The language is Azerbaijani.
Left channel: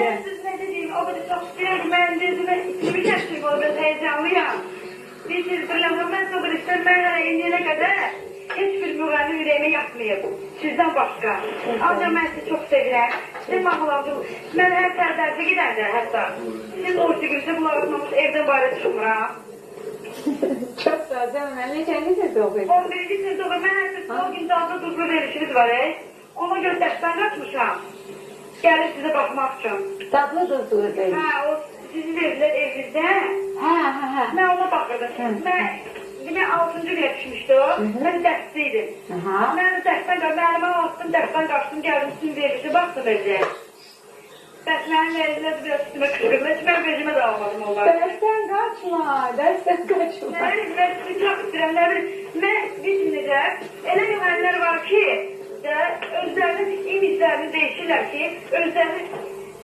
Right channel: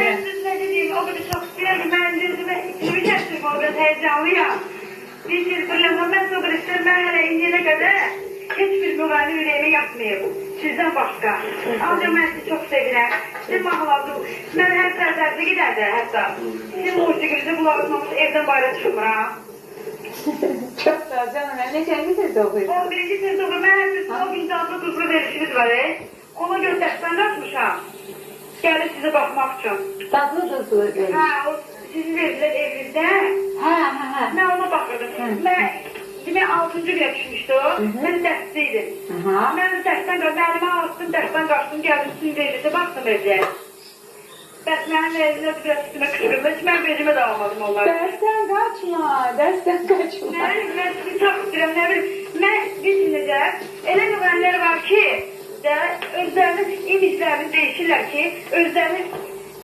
deyirəm. Mən siz nə dediyim, o qədər çox istəyirəm ki, mənim dediyimə kimi gətirim, o qədər həyəcanlıyam. Bir şey bilirəm, mən o qədər istəyirəm, mən hələ indiyənə qədər heç bir müğənni ürəyimə yapmayıb, sizdən başqa. Ancaq mən sizi çox sevirəm, sizin mahnılarınızı, mən hər sərdə gedəndə hətta, sizin musiqinizi qulağızmamış evdən bayra çıxmıram. Çox sağ ol canım, neçənci sözdə oxuyursun? 11-ci sözdə oxuyurum, mən hətta o gün canlı duzlu verişiniz var, ona görə dərsdən qatmışam. Gəlir sizə baxmaq üçün. Dadlı duzlu verir. Hə, o sizin verirlər evinizdə. Hə. Mən ona baxırdım. Mən 6-cı günə düşmüşdüm. Mən dərsdə idim. Mən də dərsdən qaçdım, əlimə aldım, dərsdən qaçdım, gəldim sizin evinizə baxdım özəl. Bəs mənim elimdə biraz üstümə qışqırdı, mən bezimə də almadım onları. Dərsdən qaçma. Mən sizi çox istəyirəm, nə bilim, mən bilsinəcə, elə müğənnilər var ki, özlərinin imizlərini değişirlər ki, özlərini